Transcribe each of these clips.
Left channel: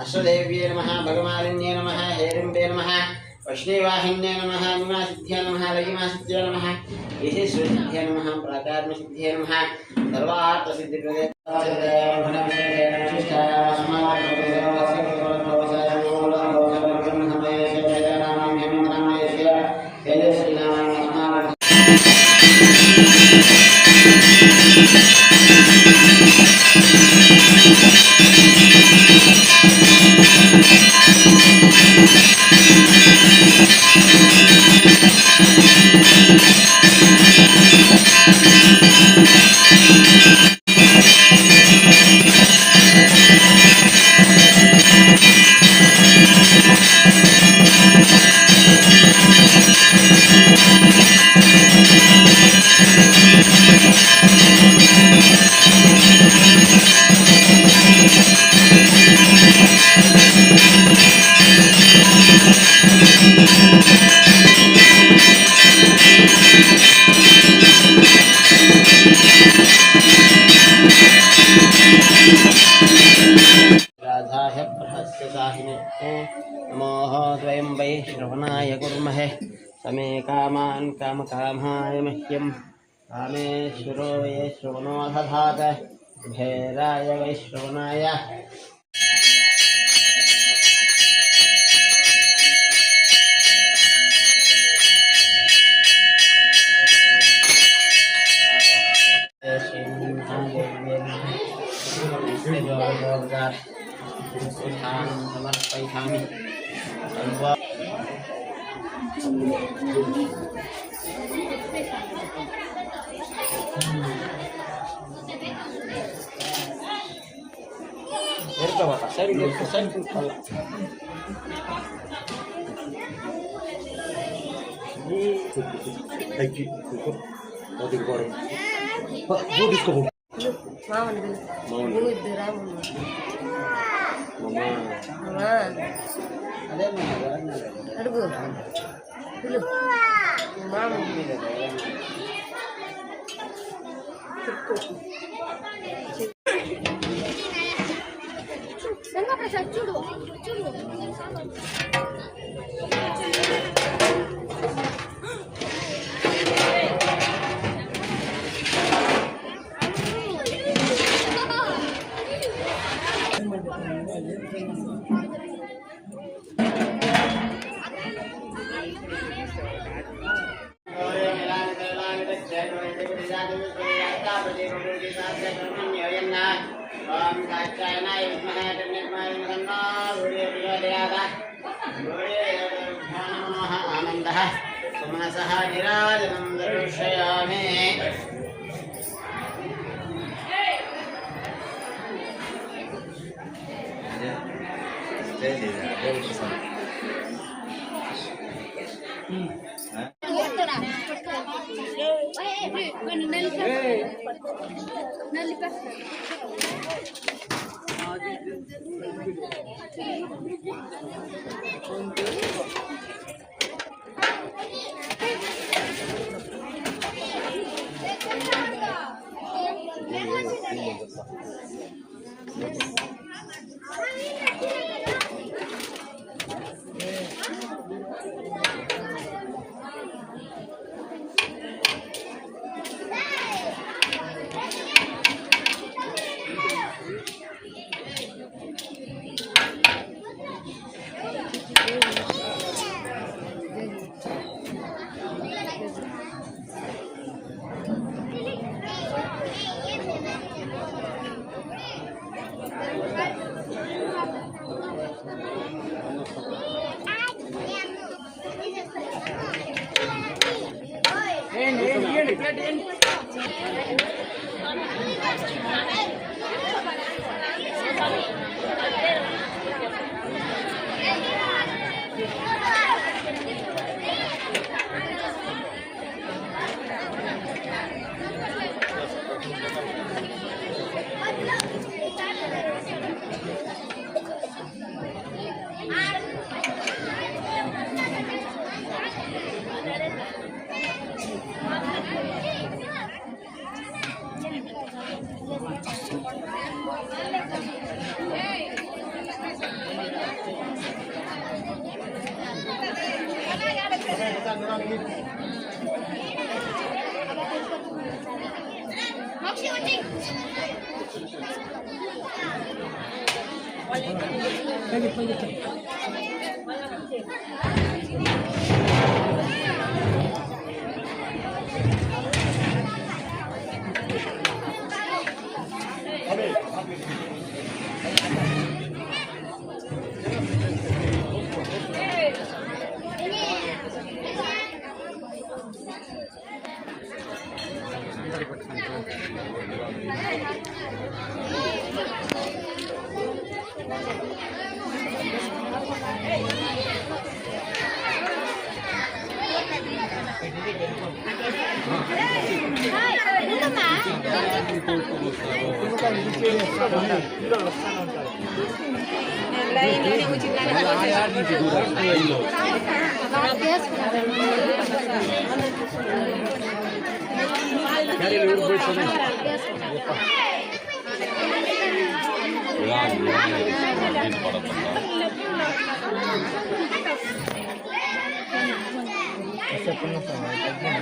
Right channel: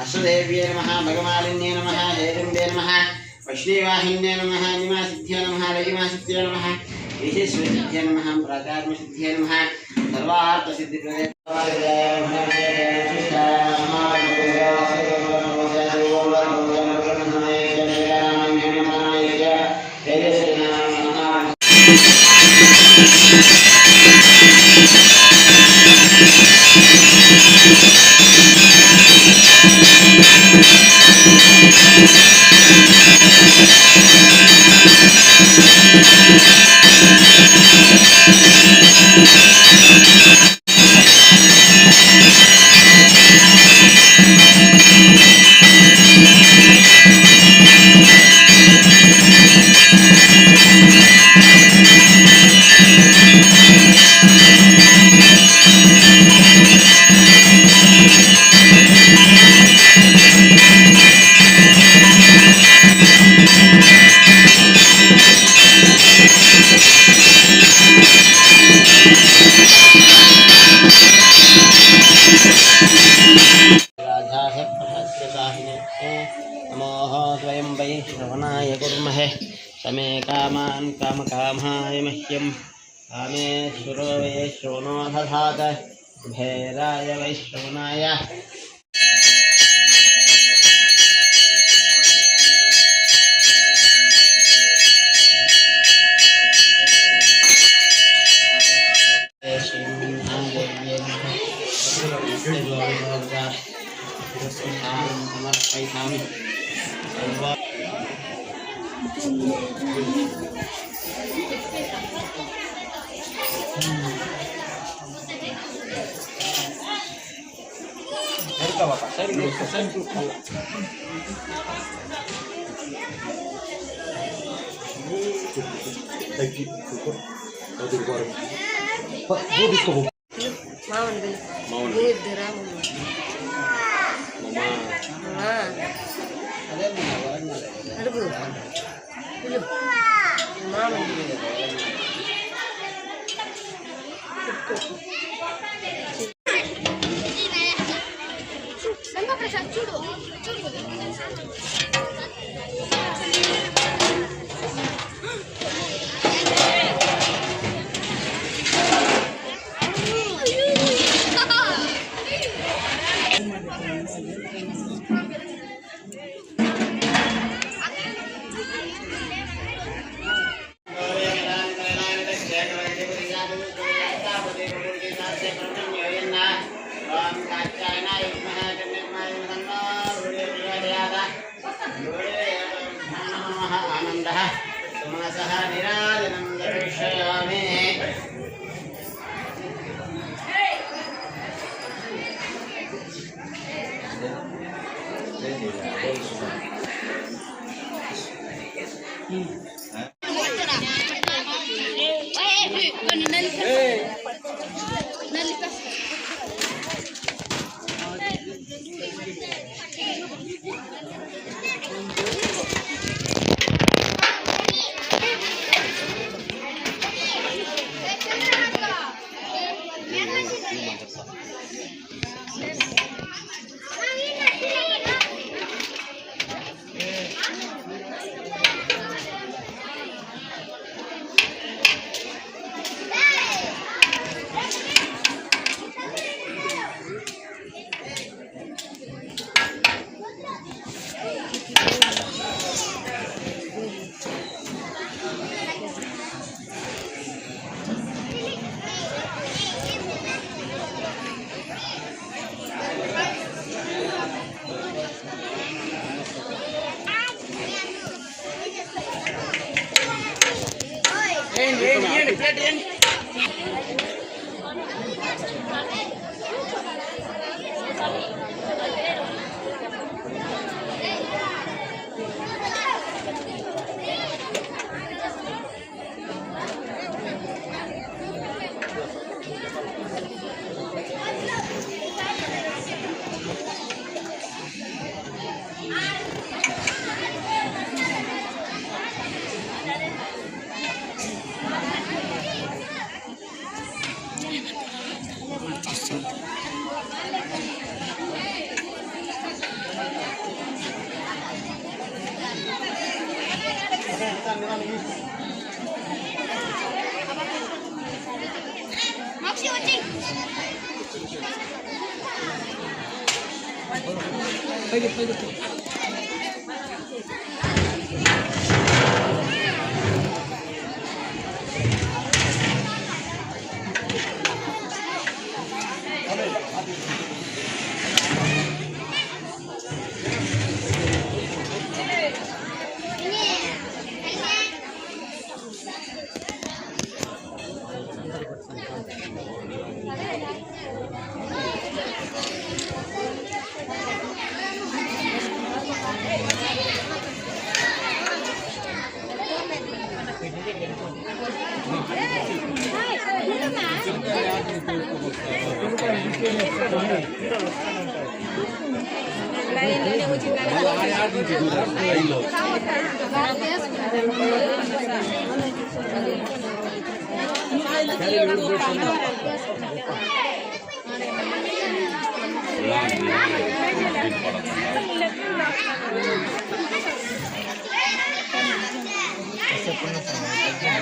अश्वदेव्ये नमः भगमालिन्ये नमः हेरम्बे नमः वैष्णवाहिन्ये नमः निमासिद्ध्यै नमः लयिमासिद्ध्यै नमः ईशेश्वरसिद्ध्यै नमः प्राचार्यसिद्ध्यै नमः सर्वार्थसिद्धिप्रदे नमोः द्वयं वै श्रवणाय कुर्महे समे कामान् कामकामाय मह्यं कामेश्वरो वै श्रवणो दधात भेराय वै श्रवणाय समर्पयामि आनंदः सुमनसः निराजनं दर्शयामि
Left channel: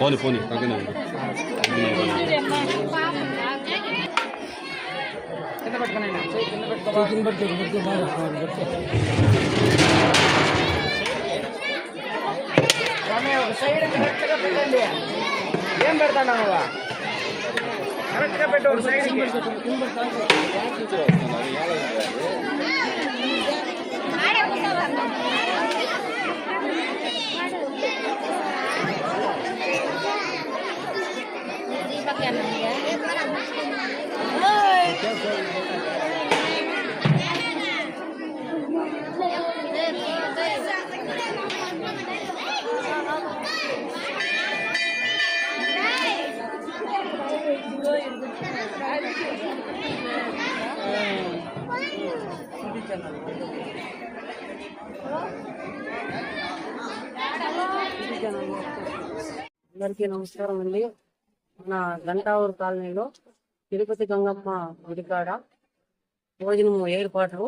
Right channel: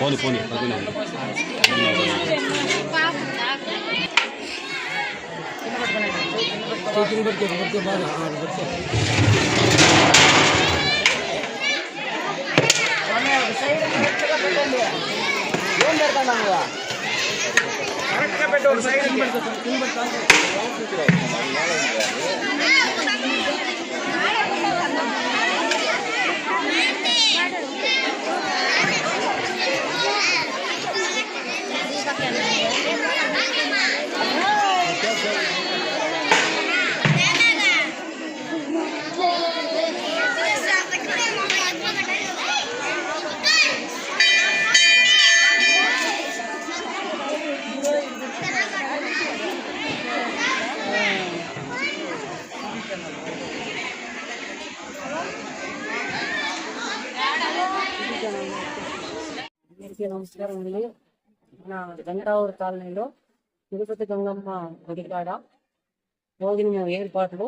పోనీ పోనీ ఏం పెడతాను అందరికీ నమస్కారం అండి. మన గంటావూరు కాలనీలో తిరుపతి గంగమ్మ గుడికాడ భోజనము ఏర్పాట్లు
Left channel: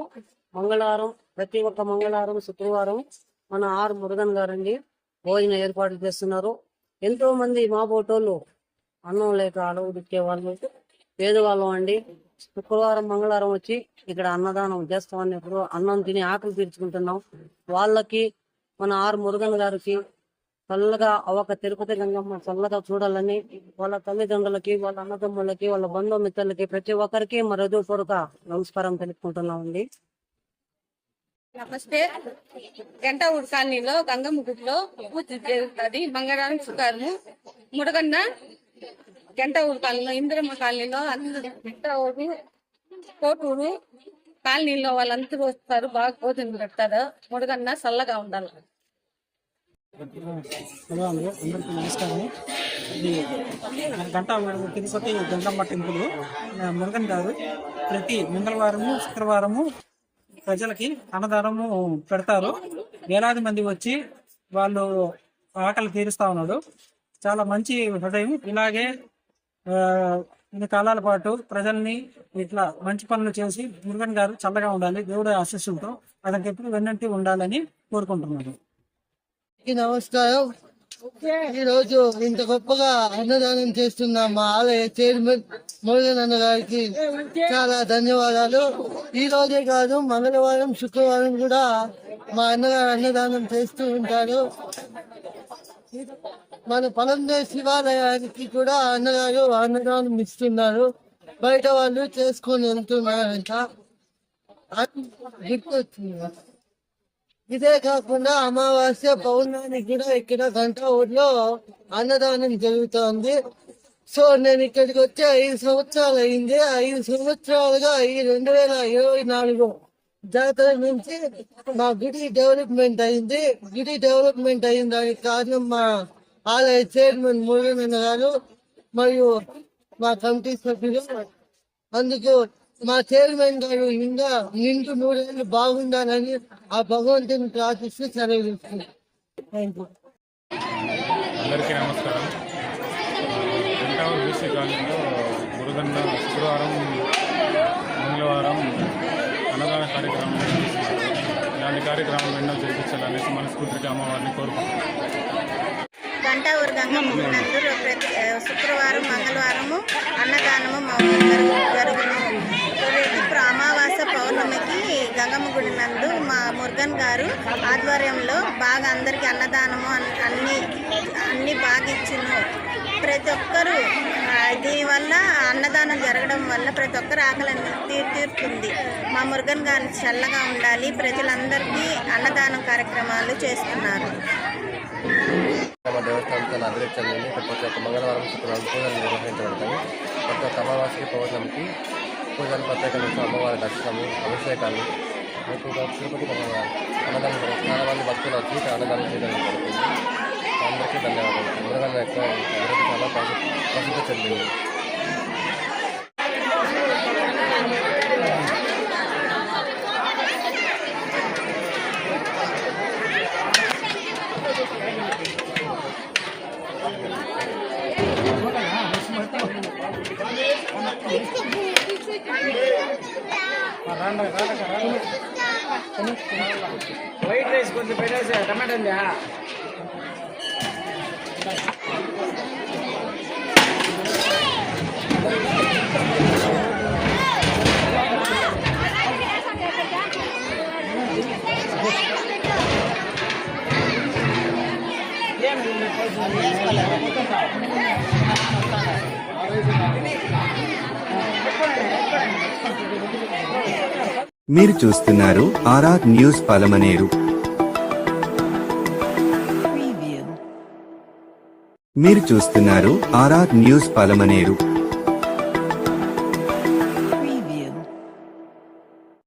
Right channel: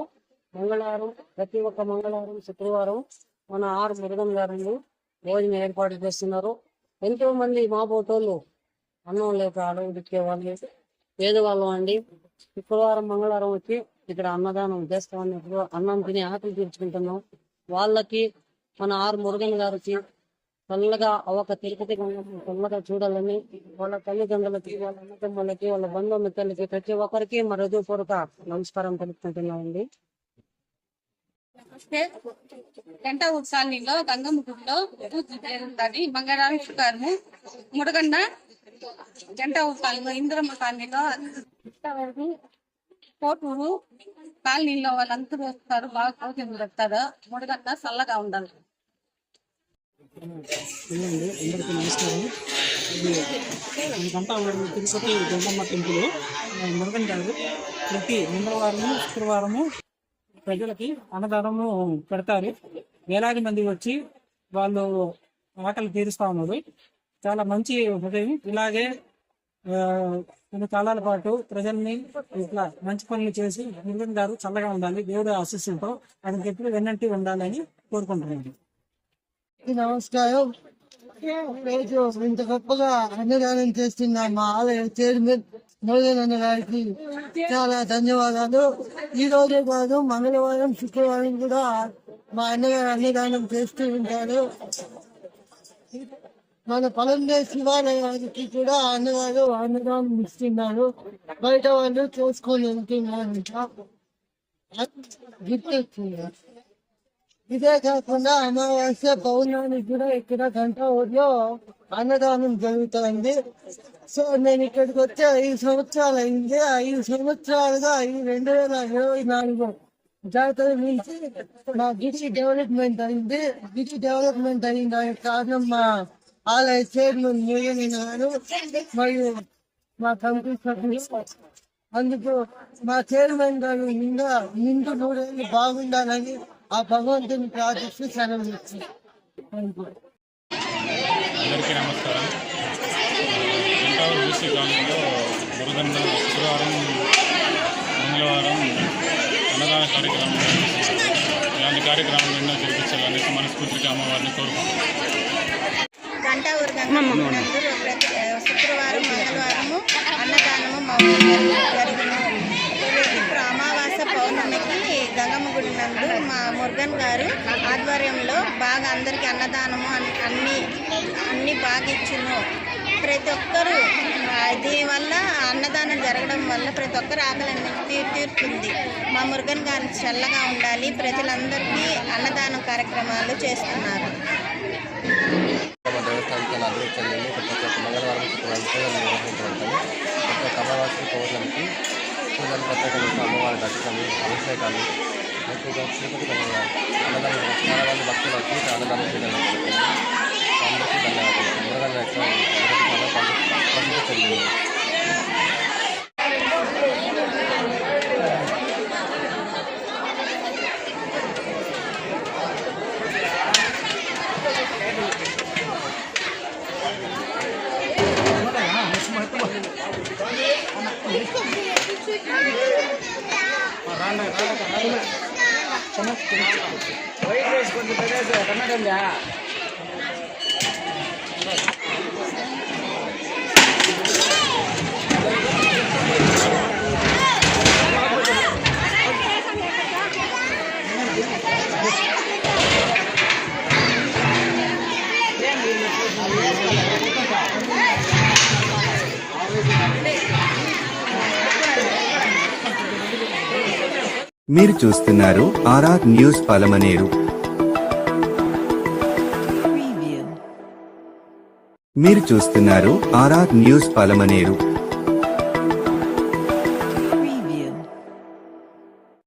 మంగళవారం, ప్రతి ఒక్క మంగళవారం, శుక్రవారం మన ఆర్ మురుగన్ గారండి భోజనం ఏర్పాట్లు చేస్తున్నారు. ఎంతో మంది మా బోటోళ్ళు అన్నం లేక అడవు దిక్కే వాళ్ళు పేదవాళ్ళం అండి. శుక్రవారం, మంగళవారం వచ్చి ఇక్కడ అన్నదానం చేస్తామని ఇప్పుడు అన్నం తిని ఆకలి తీర్చుకుంటున్నాం. వాళ్ళకి మన ఆర్ మురుగన్ గారికి చల్లగా అవక తిరుపతి గంగమ్మ చల్లగా చూడాలని వాళ్ళ తల్లిదండ్రులకి, వాళ్ళ అన్నదమ్ములకి, వాళ్ళ బంధుమిత్రులకి ప్రతి ఒక్కరికి మా హృదయపూర్వక నమస్కారం తెలుపుకుంటున్నామండి. నమస్తే. గంటావూరు కాలనీలో గంగమ్మ గుడిలో పూజ జరుగుతుంది. మంగళవారం, శుక్రవారం ముడగన్న గంటావూరు కాలనీలో, ఇంద్రమ్మ కాలనీలో, గంటావూరు కోటూరు కాలనీలో వాళ్ళందరూ వస్తారు. బాగా భోజనం పెడతారు. ముడగన్న చల్లగా ఉండాలి. హలో అండి, అందరికీ నమస్కారం. ఇది గంటావూరు తిరుపతి గంగమ్మ టెంపుల్. మురుగన్ గారు ప్రతి మంగళవారము, శుక్రవారము ప్రజలకి అన్నదానము పెడతారు. వేలాది మంది వచ్చి వాళ్ళు ఆకలి తీరుస్తా ఉన్నాడు. చాలా మంచి హృదయం. ఇలాగే కొన్ని కాలాల పాటు ప్రజల్ని ఇట్లా మంచి పనులు చేసి మురుగన్ గారు చల్లగా ఉండాలి, దేవుడి ఆశీస్సులతో అతనికి ఎప్పుడు వెన్నంటి ఉండాలని కోరుకుంటున్నాను. నమస్కారం. ఈ రోజు ఇంత గొప్పగా అన్నదానం చేస్తున్న మా ఆలయ చైర్మన్ మురుగన్ అన్న గారికి చాలా ధన్యవాదాలు. ఈ రోజే కాదు, మంగళవారం, శుక్రవారం కూడా మా అన్నగారు అన్నదానం చేస్తూ ఉంటారు. మన పొలంలో శివాలయానికి కూడా అన్నగారు అన్నదానం ఇస్తున్నారు. బయట వాళ్ళు చేసుకొని వెళ్తున్నారంట. గుర్తొచ్చింది. ఇదే కాకుండా అమావాస్య, పౌర్ణానికి కూడా ఇక్కడ గంటావూరులో అన్నదానం జరుగుతోంది. సో నేను ఇక్కడికి వచ్చి 5 సంవత్సరాలు అయింది. 5 సంవత్సరాలుగా ఈ 2024 జాతర నుంచి మా గుడి డెవలప్మెంట్ అయింది. గుడి డెవలప్మెంట్ అయిన దానికి కారణం మా ఆలయ చైర్మన్ మురుగన్ గారు మరియు మా కమిటీ సభ్యులు. అందుకు మా చైర్మన్ గారు ఇంకా నిండు 3 ఏళ్ళు బాగుండాలని ఆ భగవంతుని ప్రార్థిస్తూ సెలవిస్తుంది. అందరికీ నమస్కారం. గంటావూరు బీసీ కాలనీలో మురుగన్న శుక్రవారం, మంగళవారం అన్నదాన కార్యక్రమం నిర్వహిస్తున్నారు. ఇలాంటి కార్యక్రమాలు ఎన్నో జరిపించాలనేసి మనస్ఫూర్తిగా అమ్మవారిని కోరుకుంటున్నాం. గంటావూరు గంగమ్మ గుడి నందు శుక్రవారం మంగళవారము అన్నదానము మా ఊరు జరుగును. ప్రతి అమావాస్య పౌర్ణమికి గంగమ్మ గుడి నందు మా మురుగన్ గారు ఆధ్వర్యంలో బాగా అందరికీ అన్నదానము అన్ని బాగా ఇచ్చును. ప్రతి ఒక్కరూ దీనివల్ల అన్నదానం జరగడం వల్ల ప్రతి ఒక్కరు ఆకలి తీరుతుంది. మా మురుగన్ గారు చల్లగా ఉండాలి. ప్రజలందరికీ అన్నదానం కార్యక్రమాలు చేస్తున్నారు. దేవస్థానం చాలా అభివృద్ధి చెందింది. ప్రతి ఒక్క మంగళవారం శుక్రవారం పూజలు నిర్వహించబడతాయి. ప్రతి ఒక్క అమావాస్య పౌర్ణమికి పూజలు ప్రత్యేకంగా అమ్మవారి దర్శనము అభిషేకాలు తిరుపతి అన్నదానం చాలా మంది భక్తులు వచ్చి అన్నదానం చేయడం జరుగుతుంది. అందరికీ ధన్యవాదాలు. మురుగన్ యొక్క అభివృద్ధి చాలా ప్రసిద్ధి చెందింది. వైట్ రైస్ కొంచెం పెట్టేసి టమాటా ఉందా? మీరు చూస్తున్నారు ఆర్ఆర్ న్యూస్ పలమనేరు. మీరు చూస్తున్నారు ఆర్ఆర్ న్యూస్ పలమనేరు.